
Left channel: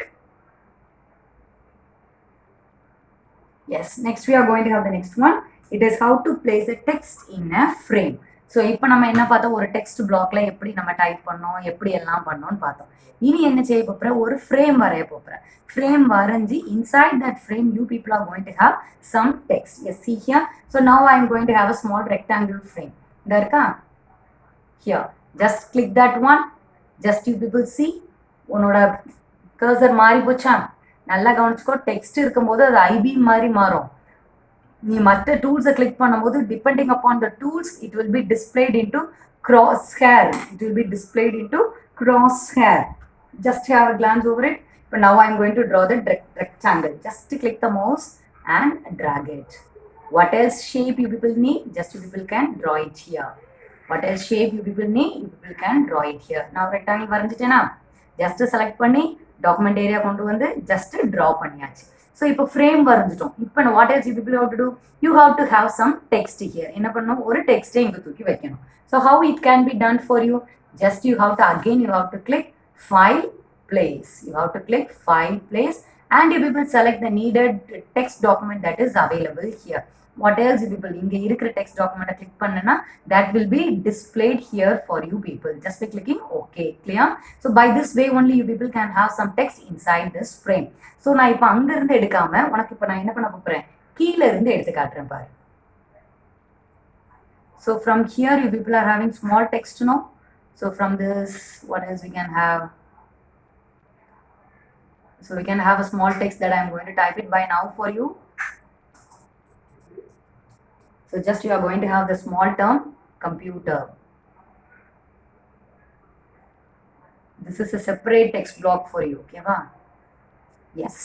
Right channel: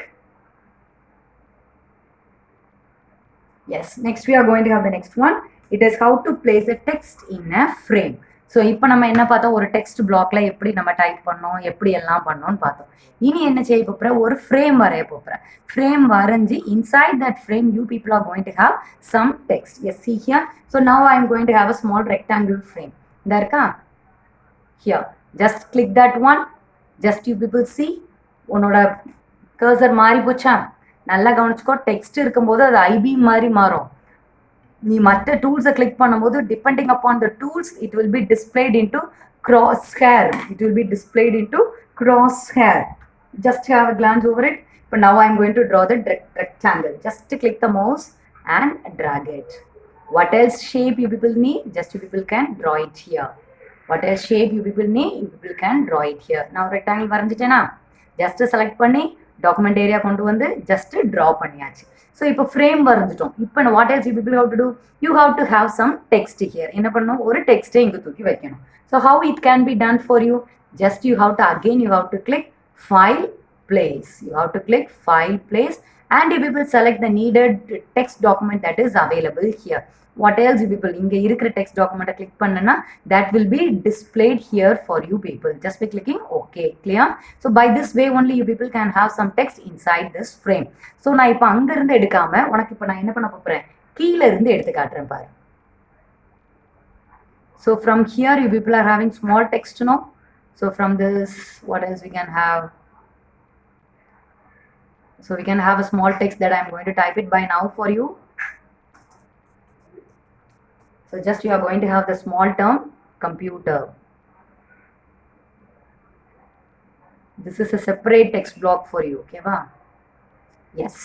Yes, next we are going to have the next one. It is how to place a text in a frame. So இப்போ நம்ம என்ன பார்த்தோம்? ஒரு டெக்ஸ்ட் பிளாக்ல எப்படி நம்ம டைப் பண்ணோம், எப்படி எல்லாம் பண்ணோம்னு பார்த்தோம். இனி என்ன செய்ய போகிறேன்? ஒரு ஃப்ரேம் வரைய போகிறேன். ஃப்ரேம் வரைஞ்சி inside that frame you people are going to have some text. Yes, see here. So now I am going to have a small rectangle frame. இந்த இருக்கா? Here. Just click that one. Just you people see. உன்னோட கர்சர் மாறி போச்சா? நல்லா கவனிச்சுக்கோ. டெக்ஸ்ட் இருக்கும்போது அது ஐபி மாதிரி மாறும். நீ மற்ற டூல்ஸை கிளிக் பண்ணும்போது depending upon the tools it will be displayed into cross hair. It will be displayed into cross hair. Just have a glance over it. But now I am going to draw the rectangle. Just click the mouse and drag it. What else shape you people need? Just you people can draw it here. What else shape you people need? You people can draw it here. Now rectangle வரைஞ்சிட்டேனா? Just select பண்ணி document area கொண்டு வந்து just draw பண்ணியாச்சு. So இப்போ frame வரைஞ்சிட்டோம். இப்போ what else you people have to do? You have to have some text here. என்ன பண்ணணும்? ஒரு text இங்க தூக்கி வைக்கணும். So how it can be done for you? Just you have to again you have to click file place. You have to click file place and you people select the needed text document that is available here. What else you people inge irukra text document click pannana that will be displayed here for you people just by clicking OK. Clear? So by this way only you people can have some text inside this frame. So na ipo anga irundhu edukama unakku ipo na enna panna poren keela irundhu eduthu kaatren paaru. So from here you people are having small text now. So from this what else we can have? So we can have a small text that I am going to type it by now for you. So just you are going to have the small term computer. This is a separate text block for you. Okay, va? Yes.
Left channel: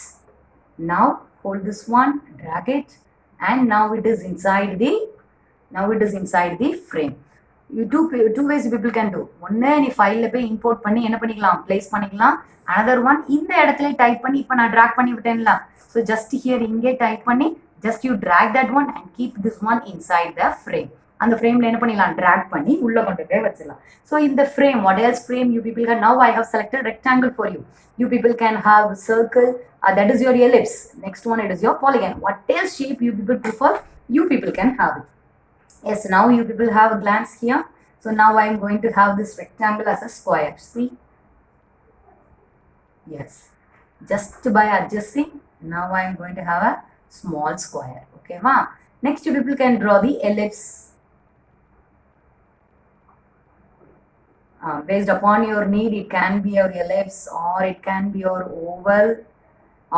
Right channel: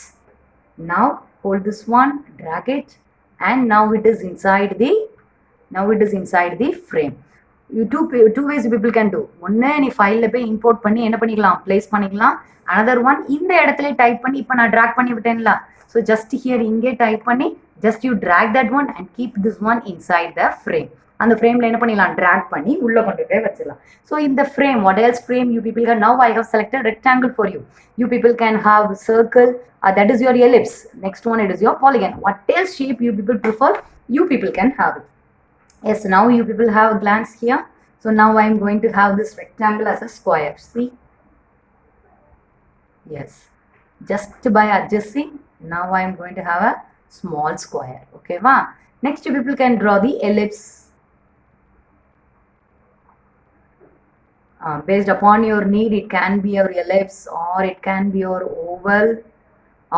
Now hold this one, drag it, and now it is inside the frame. two ways people can do. ஒன்று நீ ஃபைலில் போய் இம்போர்ட் பண்ணி என்ன பண்ணிக்கலாம், பிளேஸ் பண்ணிக்கலாம். Another one இந்த இடத்துல டைப் பண்ணி இப்போ நான் ட்ராக் பண்ணி விட்டேன்ல, ஸோ ஜஸ்ட் ஹியர் இங்கே டைப் பண்ணி just you track that one and keep this one inside the frame. அந்த ஃப்ரேமில் என்ன பண்ணிடலாம், ட்ராக் பண்ணி உள்ளே கொண்டு போய் வச்சிடலாம். ஸோ இந்த frame, what else frame you people can, now I have selected rectangle for you. You people can have circle, that is your ellipse. Next one, it is your polygon. What else shape you people prefer, you people can have it. Yes, now you people have a glance here. So now I am going to have this rectangle as a square. See? Yes. Just by adjusting, now I am going to have a small square. Okay, wow. Next you people can draw the ellipse. Based upon your need, it can be your ellipse or it can be your oval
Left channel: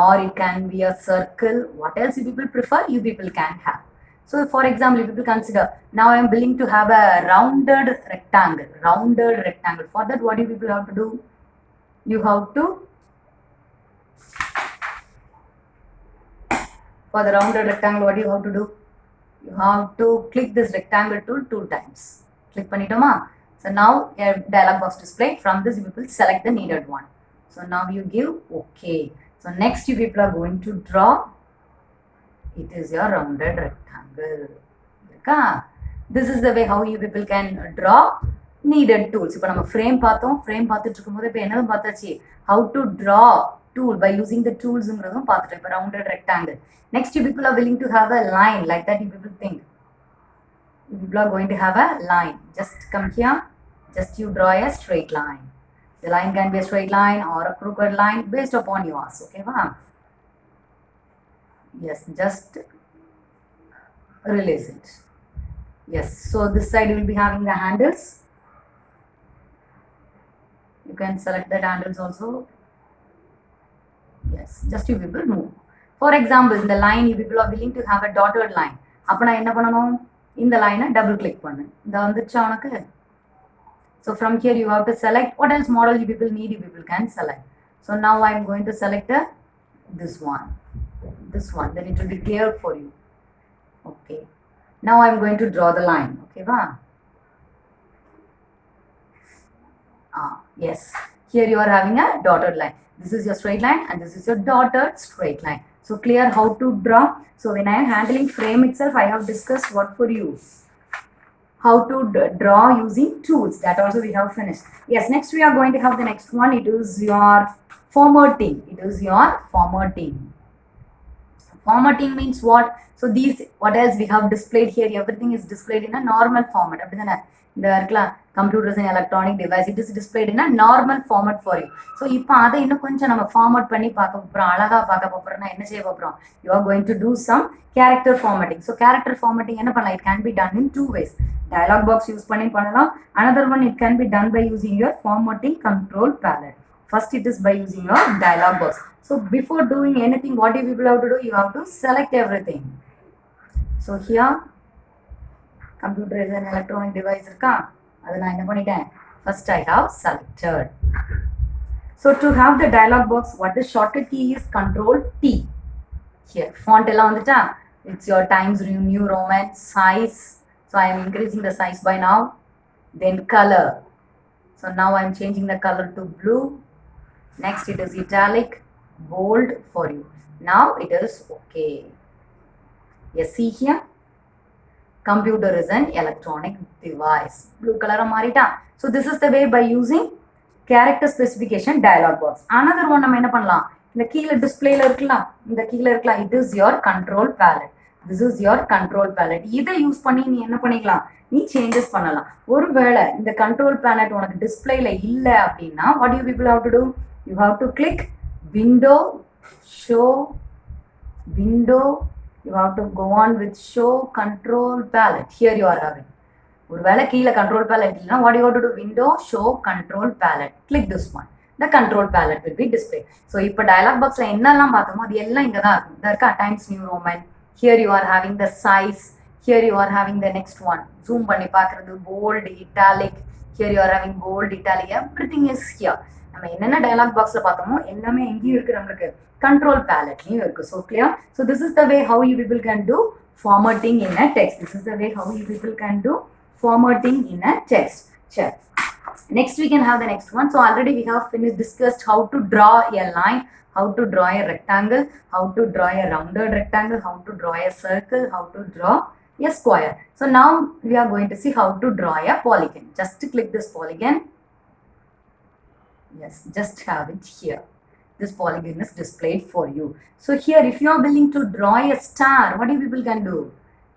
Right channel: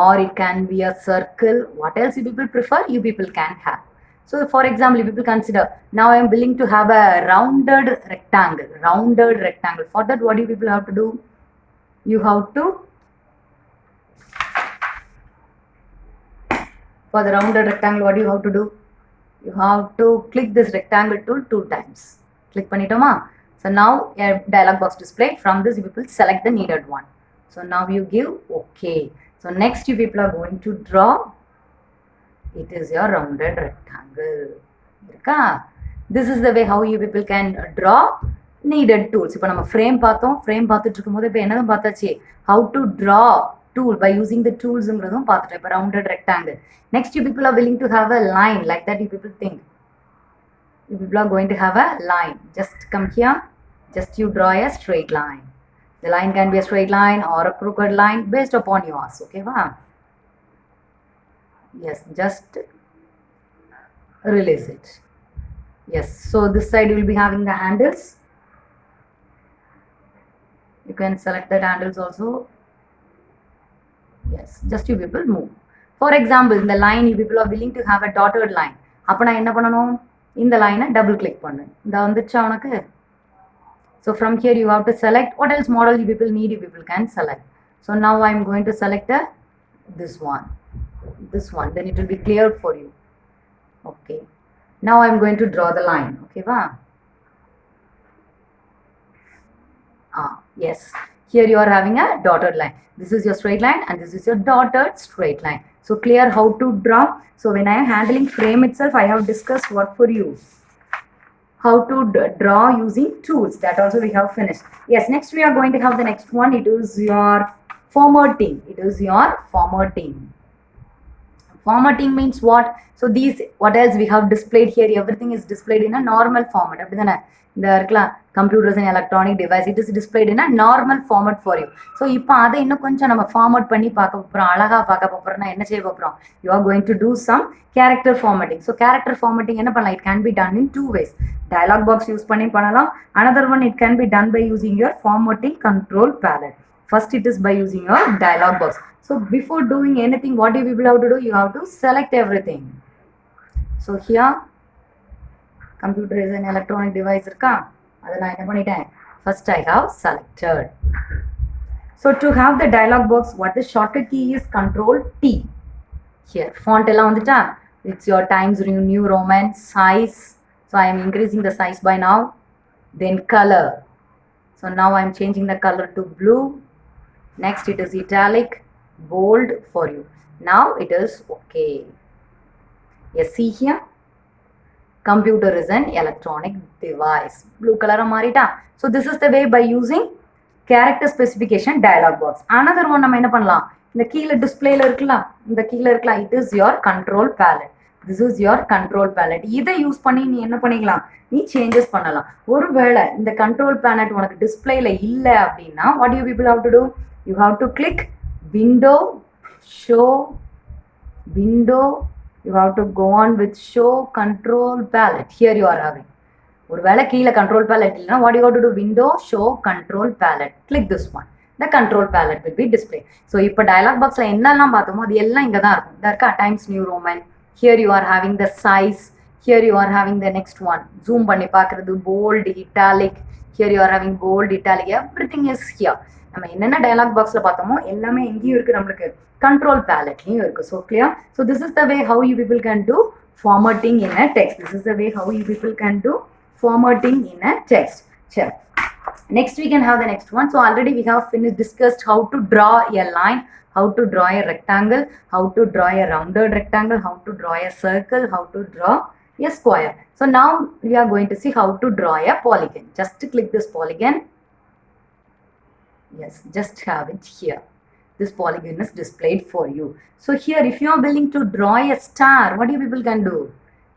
or it can be a circle. What else you people prefer, you people can have. So for example, you people consider, now I am willing to have a rounded rectangle. For that, what do you people have to do? You have to, for the rounded rectangle, what do you have to do? You have to click this rectangle tool 2 times. Click pannitoma. So now a dialog box displayed. From this you people select the needed one. So now you give okay. So next you people are going to draw. It is your rounded rectangle. This is the way how you people can draw needed tools. இப்போ நம்ம frame பார்த்தோம், frame பார்த்துட்டு இருக்கும்போது இப்போ என்னதும் பார்த்தாச்சு, how to draw tool by using the toolsங்கிறதும் பார்த்துட்டோம். இப்போ rounded rectangle. Next you people are willing to have a line like that. You people think you people are going to have a line. Just come here, just you draw a straight line. The line can be a straight line or a crooked line based upon yours. Okay, wow. Yes, just release it. Yes, so this side you will be having the handles. You can select the handles also. Yes, just you people move. For example, in the line you people are willing to have a dotted line. அப்போ நான் என்ன பண்ணணும், இந்த லைனை double click பண்ணு. இந்த வந்துச்சா உனக்கு? So from here you have to select what else model you people need, you people can select. So now I am going to select this one, then it will be clear for you. Okay, now I am going to draw the line. Okay, wow. Yes, here you are having a dotted line. This is your straight line and this is your dotted straight line. So clear how to draw. So when I am handling frame itself, I have discussed what for you, how to draw using tools. That also we have finished. Yes, next we are going to have the next one. It is your formatting. Formatting means what? So these, what else we have displayed here, everything is displayed in a normal format. The computers and electronic device, it is displayed in a normal format for you. So இப்போ அதை இன்னும் கொஞ்சம் நம்ம ஃபார்மேட் பண்ணி பார்க்க போகிறோம், அழகாக பார்க்க போகிறோம்னா என்ன செய்ய போகிறோம், you are going to do some character formatting. So character formatting என்ன பண்ணலாம், it can be done in 2 ways. Dialog box use பண்ணி பண்ணலாம். Another one, it can be done by using your formatting control palette. First it is by using your dialog box. So before doing anything, what do you people have to do, you have to select everything. So here computer is an electronic device இருக்கா, அதை நான் என்ன பண்ணிட்டேன், first I have selected. So to have the dialog box, what the shortcut key is, Control T. Here font எல்லாம் வந்துட்டா, it's your Times New Roman, size. So I am increasing the size by now. Then color. So now I am changing the color to blue. Next it is italic, bold for you. Now it is okay. Yes, see here, computer is an electronic device. Blue color marita. So this is the way by using character specification dialog box. Another one நம்ம என்ன பண்ணலாம், இந்த கீழே டிஸ்பிளேல இருக்கலாம், இந்த கீழே இருக்கலாம், it is your control palette. This is your control palette. இதை யூஸ் பண்ணி நீ என்ன பண்ணிக்கலாம், நீ சேஞ்சஸ் பண்ணலாம். ஒருவேளை இந்த control palette உனக்கு டிஸ்பிளேல இல்லை அப்படின்னா, what you people have to do, you have to click window, show, window, you have to go on with show control palette. Here you are having, ஒருவேளை கீழே control palette இல்லைன்னா, what you have to do, window, show control palette, click this one, the control palette will be displayed. So இப்போ dialog boxல என்னெல்லாம் பார்த்தோமோ அது எல்லாம் இங்கே தான் இருக்கும். இதா இருக்கா, Times New Roman. Here you are having the size. Here you are having the next one, zoom பண்ணி பார்க்குறது, bold, italic. Here you are having bold, italic. Everything is here. நம்ம என்னென்ன dialog boxல பார்த்தோமோ எல்லாமே எங்கேயும் இருக்கு, நம்மளுக்கு control paletலையும் இருக்கு. So clear? So this is the way how you people can do formatting in a text. This is the way how you people can do formatting in a text. Sure. Next we can have the next one. So already we have finished discussed how to draw a line, how to draw a rectangle, how to draw a rounded rectangle, how to draw a circle, how to draw a square. So now we are going to see how to draw a polygon. Just click this polygon. Yes, just have it here. This polygon is displayed for you. So here if you are willing to draw a star, what you people can do?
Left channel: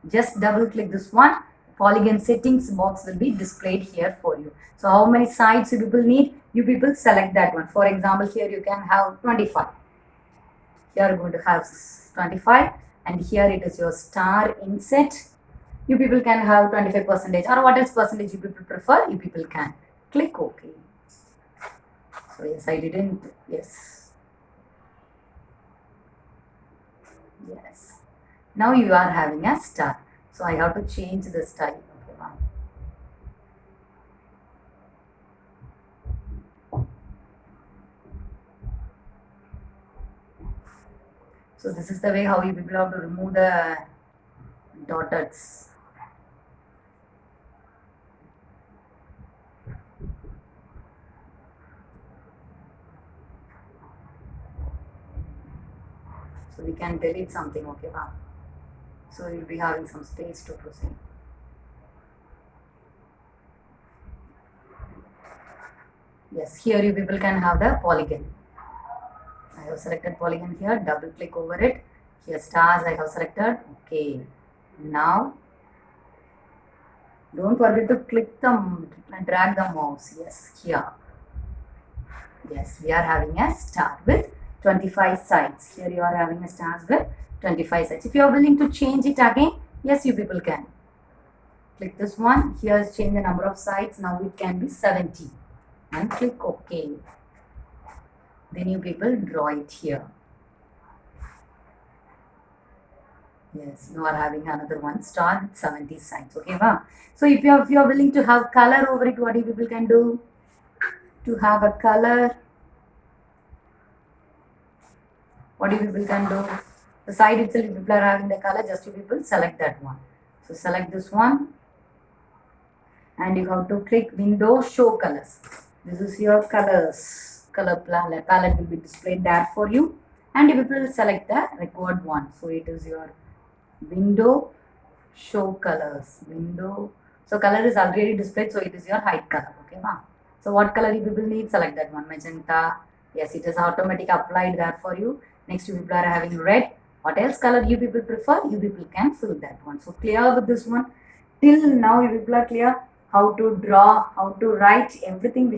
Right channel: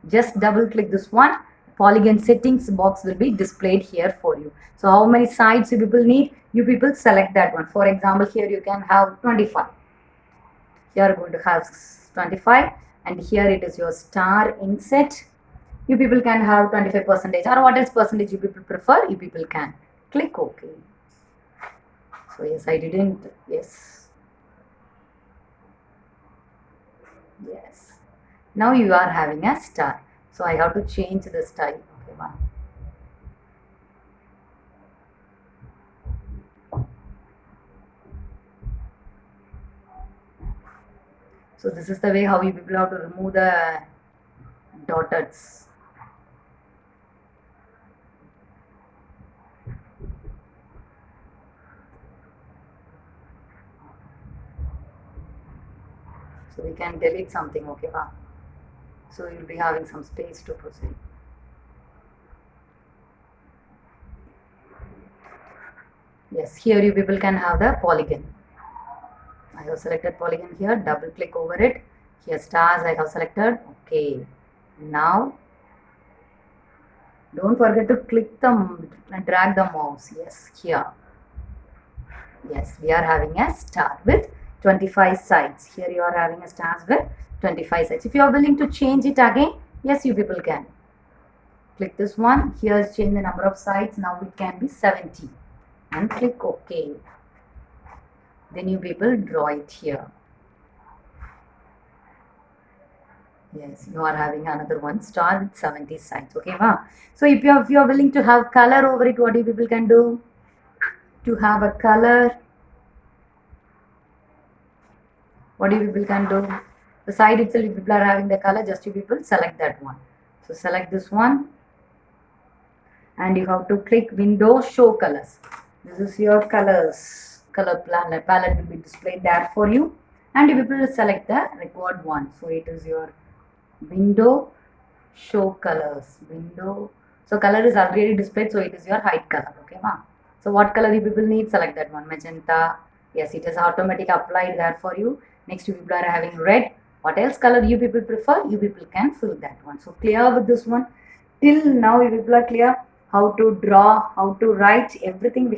Just double click this one. Polygon settings box will be displayed here for you. So how many sides you people need? You people select that one. For example, here you can have 25. You are going to have 25 and here it is your star inset. You people can have 25% or what else percentage you people prefer, you people can. Click OK. So yes, I didn't, yes. Yes. Now you are having a star. So I have to change the style. Okay, one. So this is the way how you people have to remove the dots. So we can delete something, okay, wow. So you'll be having some space to proceed. Yes, here you people can have the polygon. I have selected polygon here, double click over it. Here stars I have selected, okay. Now, don't forget to click them and drag the mouse, yes, here. Yes, we are having a star with 25 sides. Here you are having a star with 25 sides. If you are willing to change it again, yes, you people can. Click this one. Here change the number of sides. Now it can be 70. And click OK. Then you people draw it here. Yes, you are having another one star with 70 sides. Okay, wow. So if you are willing to have color over it, what you people can do? To have a color, what you people can do? The side itself, if people are having the color, just you people select that one. So select this one and you have to click window show colors. This is your colors. Color palette will be displayed there for you and you people select the required one. So it is your window show colors. Window. So color is already displayed, so it is your height color. Okay, wow. So what color you people need? Select that one. Magenta. Yes, it is automatic applied there for you. Next you people are having red. What else color you people prefer? You people can fill that one. So clear with this one. Till now you people are clear how to draw, how to write, everything we